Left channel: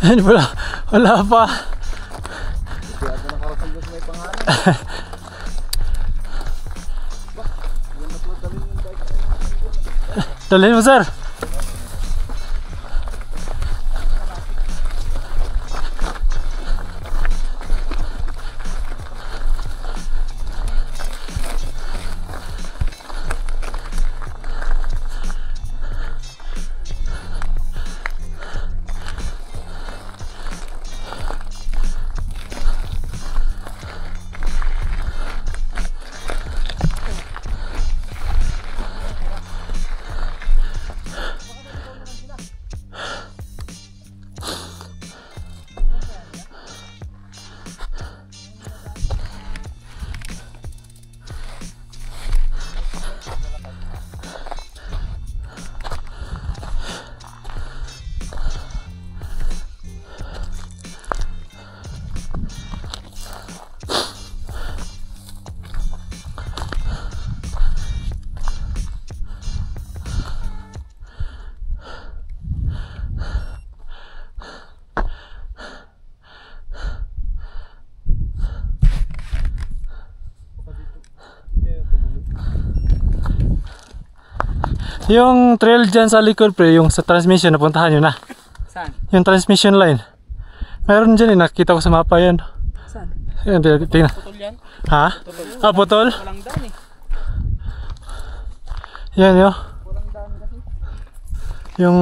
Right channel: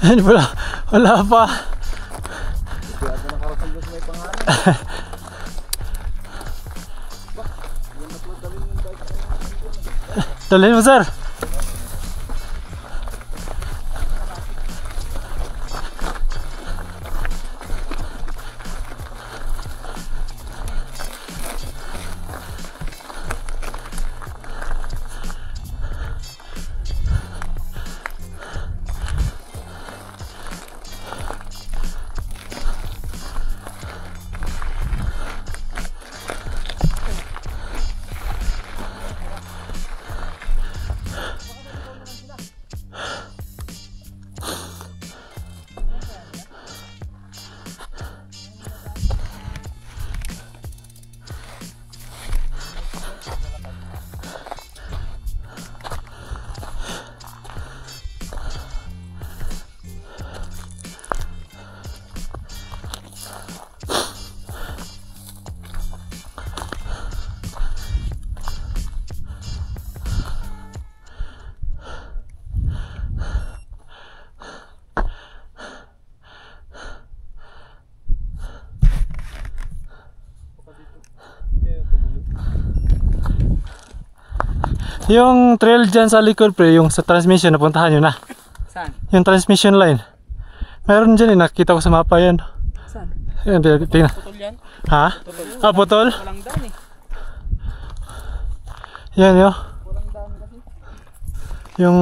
Wala, wala pa. Kaya ito nakarating sa may pangalan. Dalhin mo, sir. Yung trail dyan sa likod pre, yung sa transmission, napuntahan nyo na. Saan? Yung transmission line. Meron dyan nakita ko sa mapa yan. Saan? Yan, tingnan. Putol yan? Ha? Putol. Ah, putol? Walang daan eh. Yan yun. Walang daan kasi. Yung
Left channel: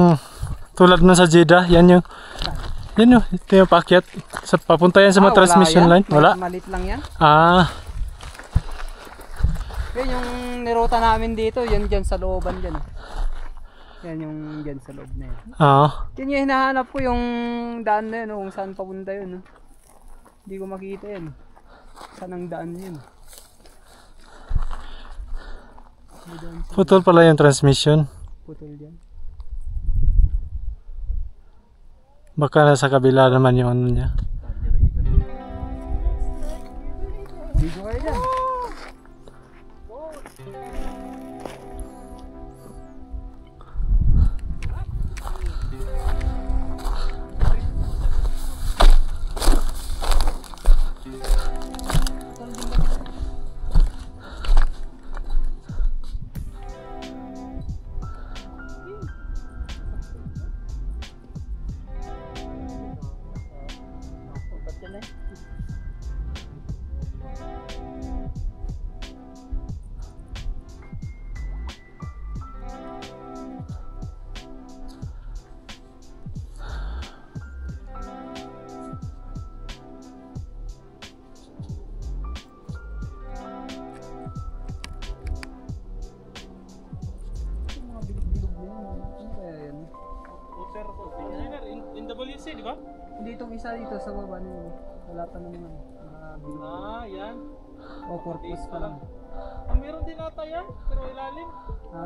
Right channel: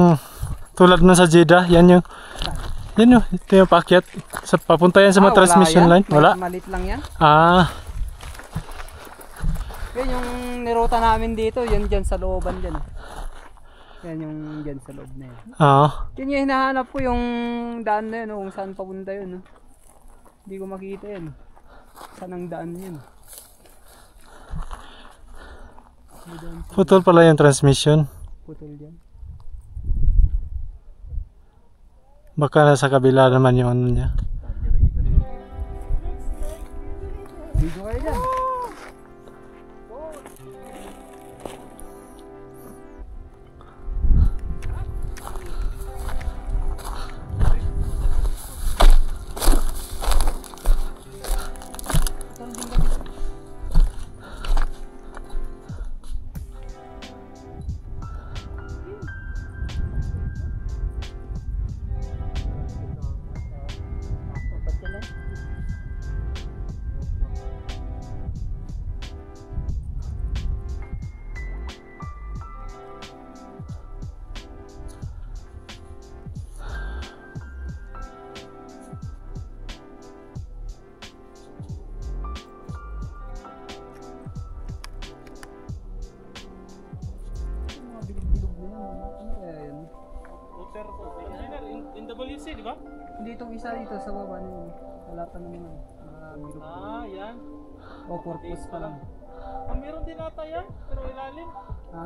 tulad nun sa Jeddah, yan yung. Yan yun, ito yung paakyat. Sa, papunta yan sa mga transmission line. Wala? Malit lang yan. Ah. Yan yung niruta namin dito, yan dyan sa looban dyan. Yan yung dyan sa loob na yan. Oo. Yan yung hinahanap ko yung daan na yun, kung saan papunta yun. Hindi ko makita yun. Saan ang daan yun? Putol pala yung transmission. Putol dyan. Baka nasa kabila naman yung ano niya. Dito kayo dyan. NWC, di ba? Hindi, itong isa dito sa baba na yun. Wala pa naman. Bilog. Ah, yan. O, purpose pa lang. Ah, meron din ata yan, pero ilalim. Ha?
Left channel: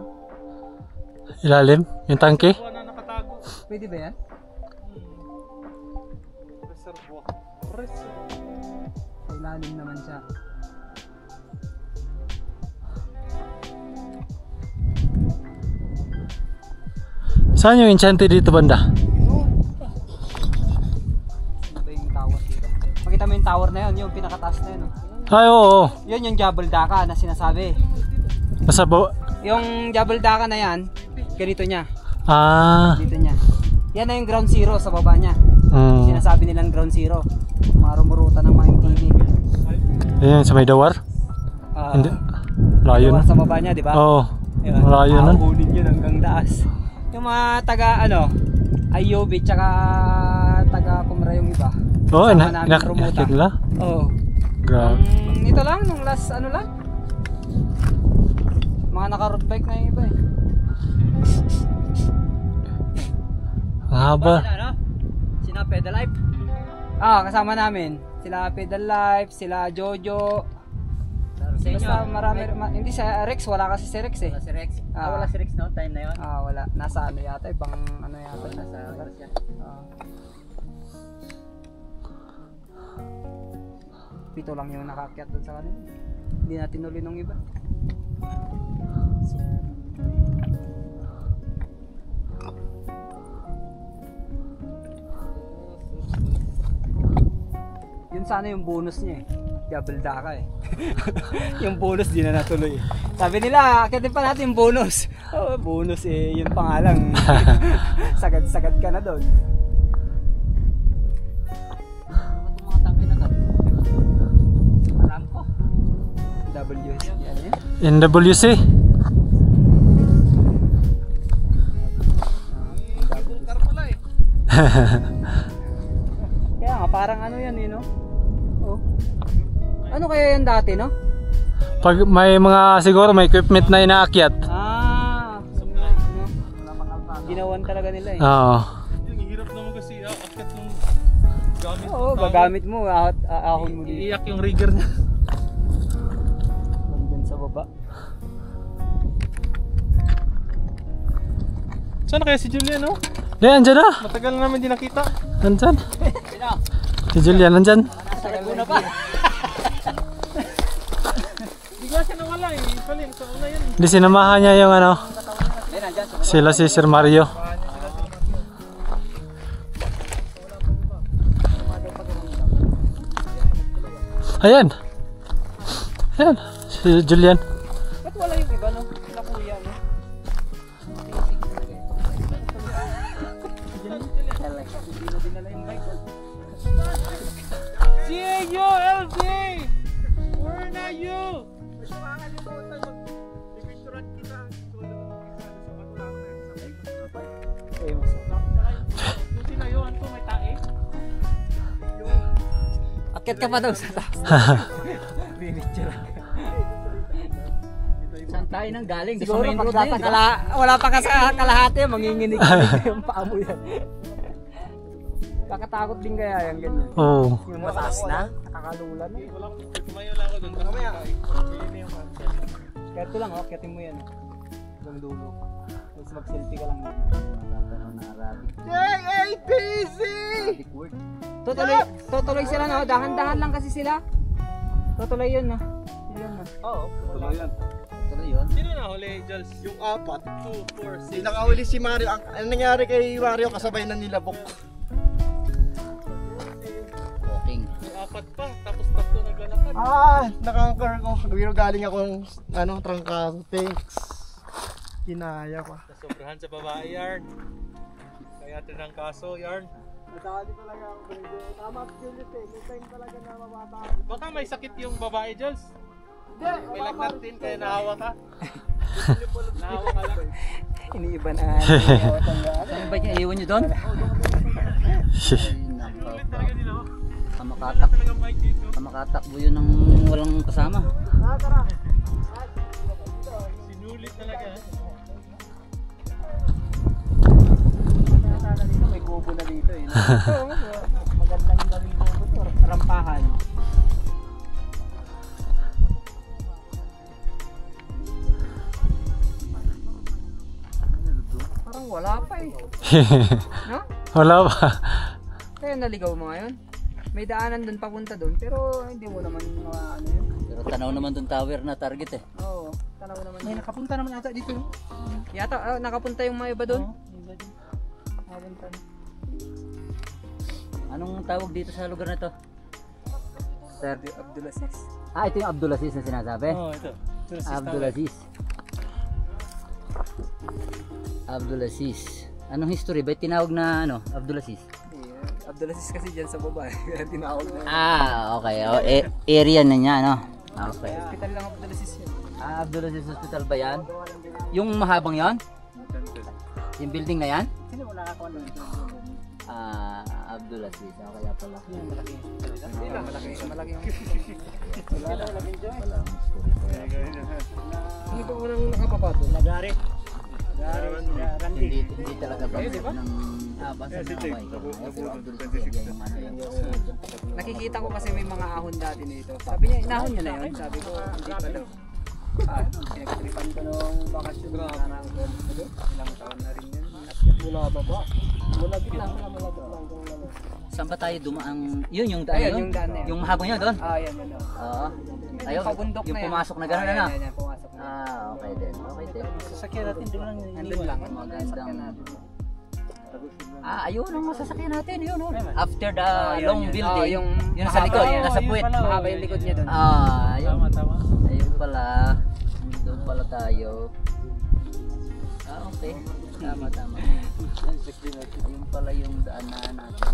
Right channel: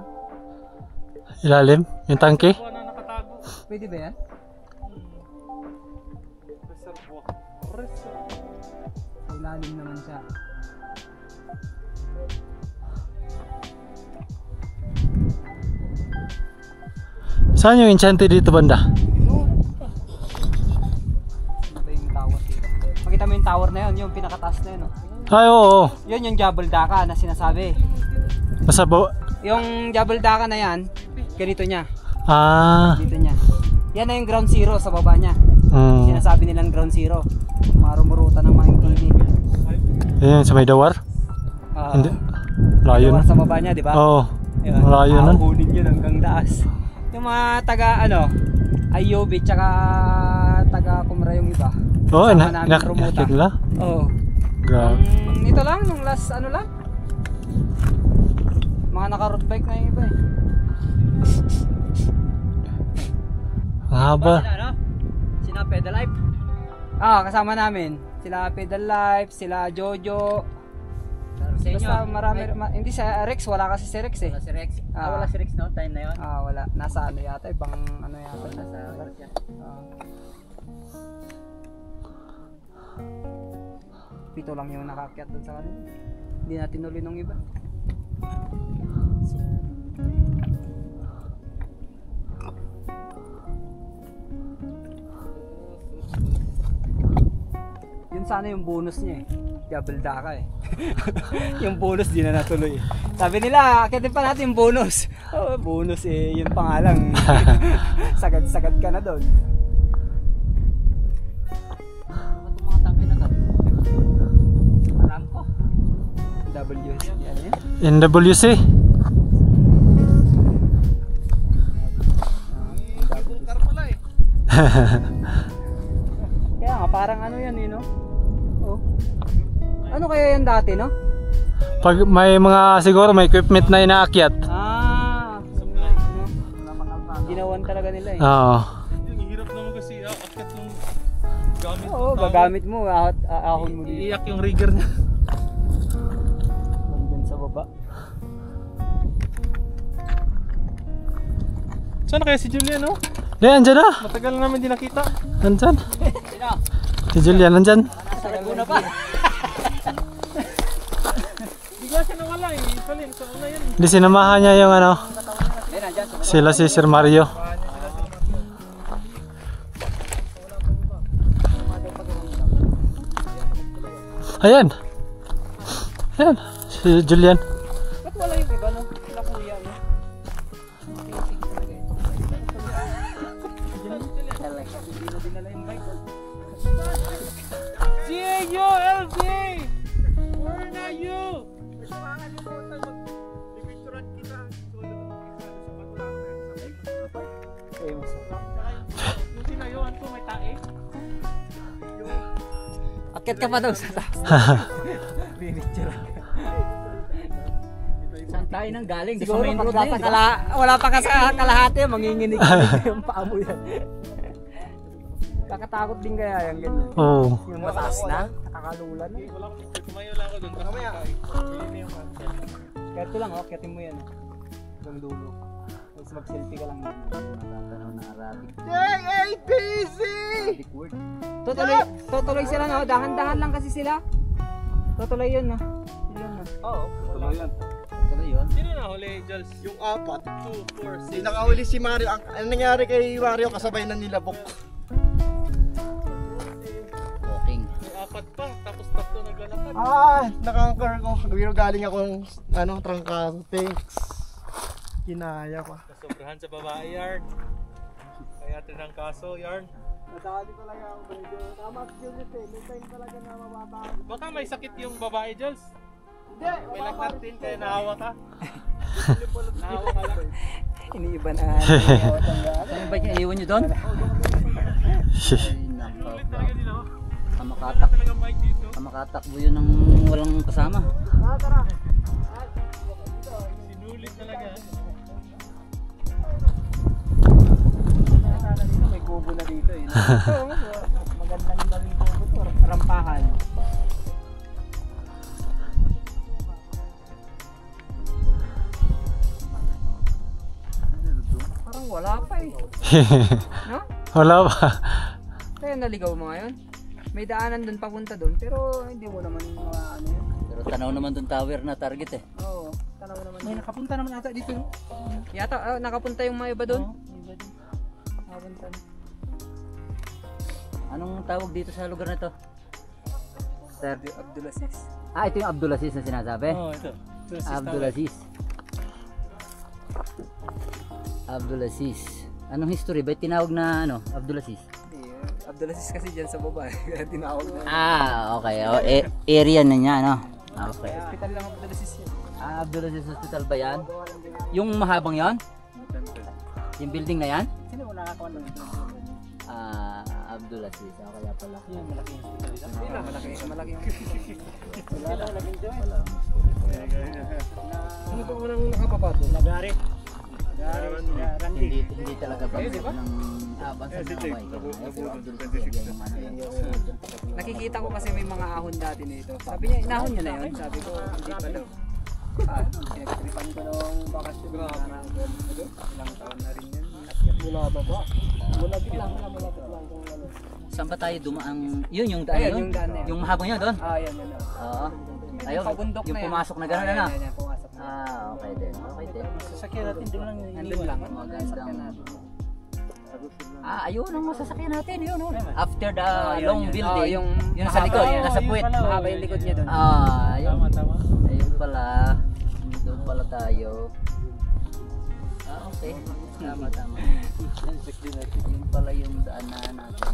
Ilalim? Yung tangke? Buwan na nakatago. Pwede ba yan? Reservoir. Sa ilalim naman siya. Saan yung enchanted dito banda? Makita mo yung tower na yun, yung pinakataas na yun. Ay, oo. Yun yung Jabal Daka na sinasabi. Masabo. Yung Jabal Daka na yan, ganito niya. Ah. Dito niya. Yan na yung ground zero sa baba niya. Sinasabi nilang ground zero. Marumurutan ng mga MTV. Ayan, sa may dawar? Hindi. Layo na. Sa baba niya, di ba? Oo. Layo nun. Kunin yun hanggang taas. Yung mga taga, Ayubi, tsaka taga Kumra yung iba. Oo, Rumuta. nakakit nila? Oo. Grabe. Ito lang, nung last lang. Mga naka-road bike na yung iba eh. Ang haba. Sina Pedal Life? Kasama namin. Sila Pedal Life, sila Jojo. Basta marami, hindi sa Rex, wala kasi si Rex eh. Wala si Rex. Wala si Rex no, time na yun. Wala. Nasa yata, ibang yata. Nasa Garcia. Pito lang yung nakakyat doon sa kanila. Hindi natin tuloy nung iba. Yun sana yung bonus niya eh. Double daka eh. Yung bonus di na natuloy. Sabi nila, akitin pa natin yung bonus. Oh, bonus eh, yun pa nga lang. Sagad-sagad ka na doon. Ano mga tangke na to? Alam ko. WSD, ano yun? NWC. Bulkar pala eh. Kaya nga, parang ano yan eh, no? Oh. Ano kaya yan dati, no? Pag may mga siguro may equipment na inaakyat. Ginawan talaga nila eh. Oo. Yung hirap naman kasi akit yung gamit. Oo, gagamit mo, ahon mo dito. Iiyak yung rigger niya. Nandun sa baba. Saan na kaya si Julian, no? Di, andyan na. Matagal na namin di nakita. Andyan. Si Julian, andyan. Nasa Laguna pa. Bigla siya nawala eh. Paling sa una yan. Di sinamahan niya yung ano. Sila si Sir Mario. Ayan. Ayan. Si Julian. Ba't wala yung iba, no? Sila kuya, no? Hindi na dinala yung bike. Diego, LJ! Where na you? Yung sinayuhan ko may tae. Akit ka pa daw sa ta. Bibicture. Saan tayo nang galing? Sa Siguro main pag road na yun, di ba? wala pa ka sa kalahati, manginginig yung paa mo yan. Kakatakot din kaya yan ganyan. Oo. Yung mataas na, nakakalula na. Kumayo lang ako doon. Mamaya. Kaya ito lang, akitin mo yan. Hanggang dulo. Tapos mag-selfie ka lang. Tatanaw na Arabic. JAPC! Arabic word. Tutuloy sila, no? Dahan-dahan lang kasi sila. Tutuloy yun, no? Yun, no? Oo. Tuloy yan. Tuloy yun. Sino na huli, Jules? Yung 4, 2, 4, 6. Yung nakahuli si Mario, ang nangyari kay Mario kasabay na nilabok. Walking. Yung 4 pa, tapos 3 naglalakad. Naka-anchor ko. Pero galing akong trangkaso. Thanks. Kinaya pa. Nasobrahan sa babae, Yarn. Kaya tinang kaso, Yarn. Nadali talaga ako medyo. Tama si Julius eh. May time talaga na mababa. Baka may sakit yung babae, Jules. Hindi, May lagnat din, kaya nahawa ka. Nahawa ka lang. Iniiba na. Ano ba niya? Iwan nyo doon? Ay, Ulit talaga din ako. Kamakatak. Wala talaga mic dito. Kamakatakbo yun ng walang kasama. Sinulit talaga. Sana dito, may kubo na dito eh. Magandang gawing kubo to. Rampahan. Parang wala pa eh. No? Wala pa. Kaya naligaw mo ngayon. May daanan doon papunta doon pero hindi mo naman ano yun. Pero tanaw naman doon tower na target eh. Oo, tanaw naman. May yun. nakapunta naman ata dito. Yata nakapunta yung mga iba doon. Iba din. Nakapunta. Anong tawag dito sa lugar na to? Sir? Abdulaziz. Ah, ito yung Abdulaziz na sinasabi? Oo, ito. Abdulaziz. Abdulaziz. Anong history? Ba't tinawag na ano, Abdulaziz? Abdulaziz kasi dyan sa baba. Kaya tinawag na. Ah, okay. O, area na niya, no? Okay. Hospital lang Abdulaziz yun. Ah, Abdulaziz Hospital ba yan? Yung mahabang yan? Yung building na yan? Sino mo nakakuha nun? Ah, Abdulaziz. Ah, kaya pala. Yan, malaki yung hospital dito. Malaki yung Wala na Ano ba unang nakapapato? Lagari. Hindi talaga ba ng basta na away. Pero Abdulaziz yung ano yan. Nakikita ko kasi may mga ahon dati nito. Sabi niya, inahon niya na yun. Sabi ko, hindi pa daw. Pinagtripan ko nung bakasyon. Ilang taon na rin yun. Mula baba. Mula gitna lang, malapit lang kung ano. Saan ba tayo dumaan? Yun yung daan Ayun, yun? yung daan na yun. Yung mahabang yun doon? Ah, yan, yan. Oo. Ayun, Pabundok yung na yan. pumasok na gano'n ano? Yan, pumasok na. Ah, okay din. Okay din. Sasakyan natin doon lang Nandun lang. Magandang Ayun ang masasakyan natin, yun. After the long yun. building, Yung yun sa likod, mahaba, nasa puwet. mahaba yung likod niya doon. Ayun. Tama. Ayun pala. Doon pala tayo. Okay. Tama. Ayun pala yung daanan natin.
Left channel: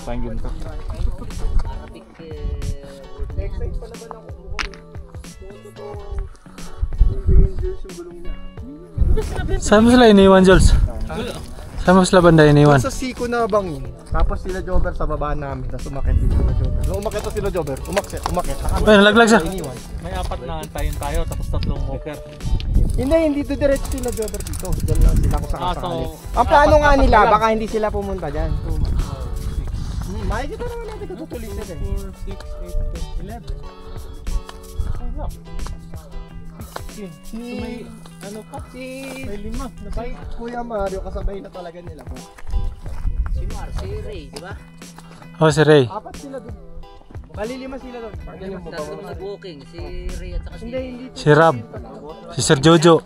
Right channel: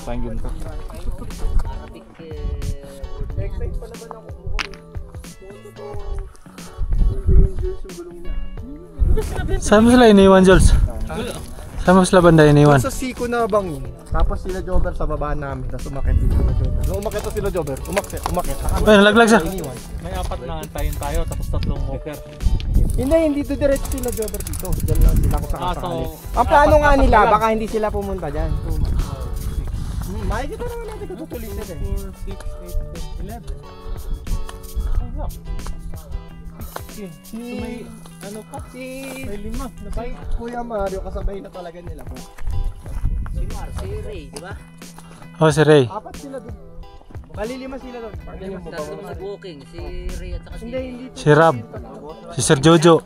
Tayong ganito. Arabic Excited pa naman ako yung gulong niya. Saan mo sila iniwan, Jules? Saan mo sila banda iniwan? Sa siko na bangin. Tapos sila Jobber sa baba namin. Tapos umakit din sila Jobber. Nung umakit to sila Jobber, umakit. Ay, nalaglag siya. May 4 na antayin tayo, tapos 3 walker. Hindi to diretso sila Jobber dito. Diyan lang sila kung saan So, ang plano nga nila, baka hindi sila pumunta dyan. Makikita naman natin kung tutuloy sila. 4, 6, 8, 11. So may ano pa? May 5 na Si Kuya Mario, kasabay na talaga nila po. si Ray, di ba? Oh, si Ray. 4 sila doon. Kalilima sila doon. Tatlong nag-walking, si Ray at saka si... Hindi. Si Rab. Si Sir Jojo.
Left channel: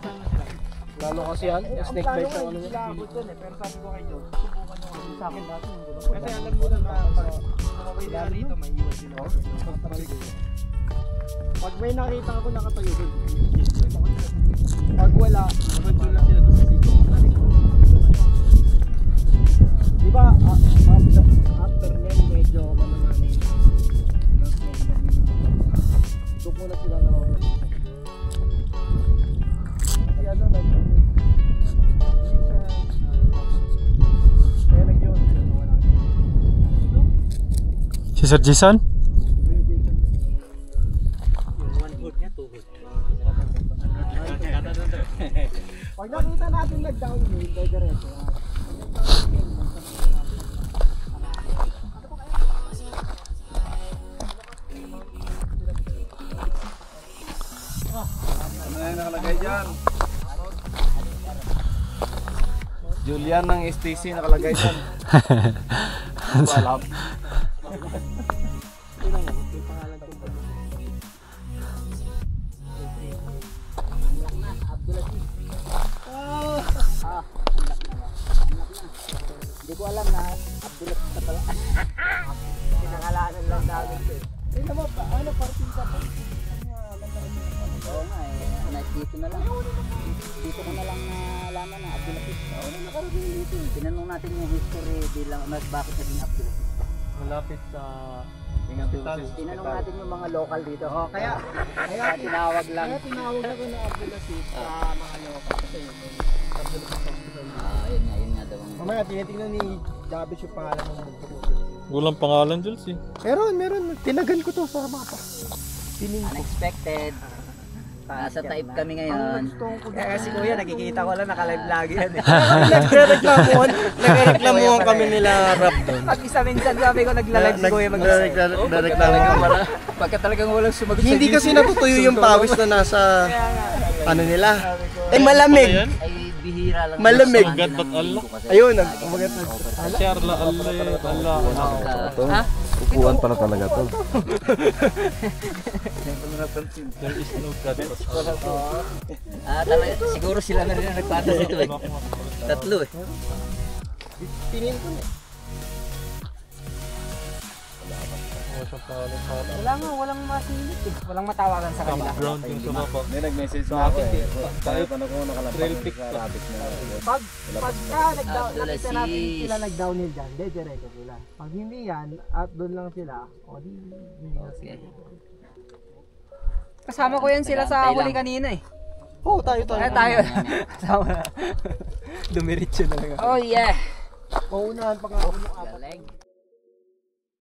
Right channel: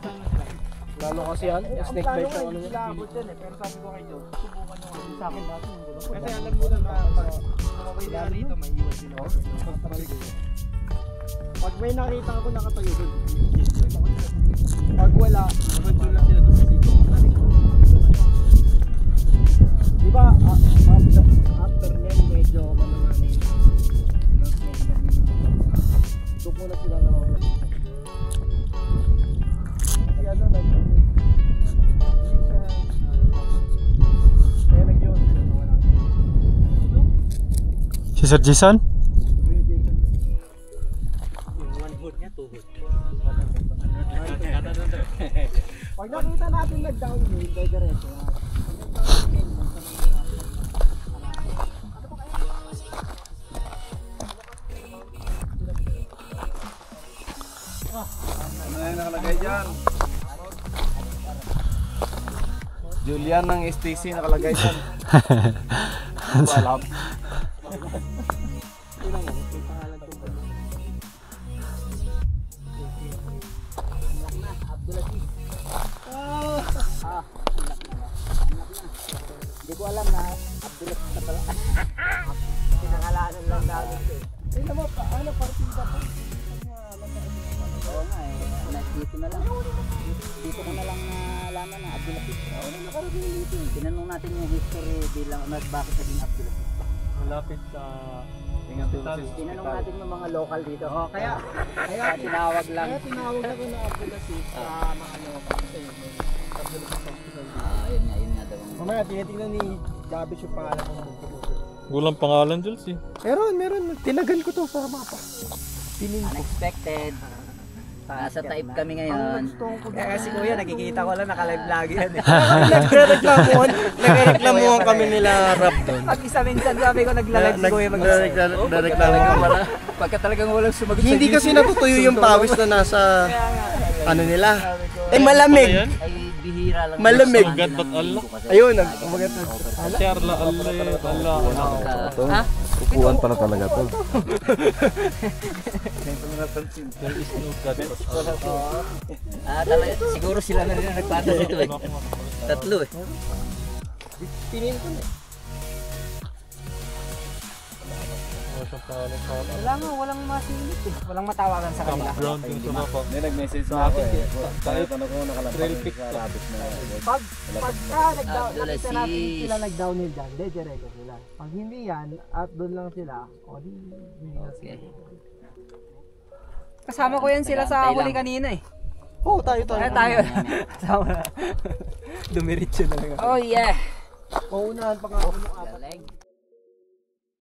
Lalo kasi yan, snake bite sa ano niya. Pero sabi ko kay Joe, subukan nyo kasi sa akin dati. Kasi alam mo na pag kumabay nila rito, may iwan sila. Pag may nakita ako nakatayo doon, pag wala, doon lang sila doon sa siko. Diba, after nyan, medyo manamanin. Doon muna sila na Si Sir Jason? Yung 1 hood niya, 2 hood. pag nakita natin nag-downhill, diretso yan. Ano yung nakalagay dyan? Julian ng STC nakalagay dyan. Alam. Hindi ko alam na Abdullah na pala. Pinangalanan lang namin ito eh. Naman, partida pa. Oo nga dito na lang. Dito ko na lang nalaman na Abdulaziz. Oo na nakarating dito. Tinanong natin yung history bilang bakit naging Abdulaziz. Malapit sa Tinanong natin yung mga local dito. Kaya tinawag lang. Kaya tinawag ako na Abdulaziz sa mga local. Kasi may Abdulaziz Hospital. Yun nga daw. Mamaya tinitingnan ni Gabis yung pangalan ng magpapapit. Walang pangalan, Jules eh. Meron. Tinagan ko to sa mapa. Pinin ko. Unexpected. Nasa type kami ngayon. Kaya kasi kuya, nakikita ko lang naka-live lagi yan eh. Nagreklamuhan kami nila Rap doon. Pag isa minsan sabi ko nagla-live si kuya Nagreklamuhan. Pagka talagang walang sumagot sa Hindi kasi natutuyo yung pawis na nasa ano nila. Ay Malamig. bihira lang. Malamig. Sugat ba't Allah? Ayun, nagkumagat na. Siyarla, Allah. Ha? Upuan pala talaga to. There is no God but Allah. Talaga siguro sila na rin ang nagpatas ito eh. Tatlo eh. Pinin ko na. Walang masilip eh. Walang matawagan sa kanila. Ground yung sa mapa. May nag-message na ako eh. Kaya tanong ko nakalampag sa rabbit na. Pagka nag-down, Abdulaziz. nakita natin sila nag-downhill dyan, diretso sila. Pag hindi yan, at doon lang sila, o di, hindi na Okay. Kasama ko yan sila sa huli kanina eh. Oo, tayo. Ay, tayo. Kasama na. Dumiritso na lang. Oh yeah. Maunahan pa nga ako ng apat. Galing.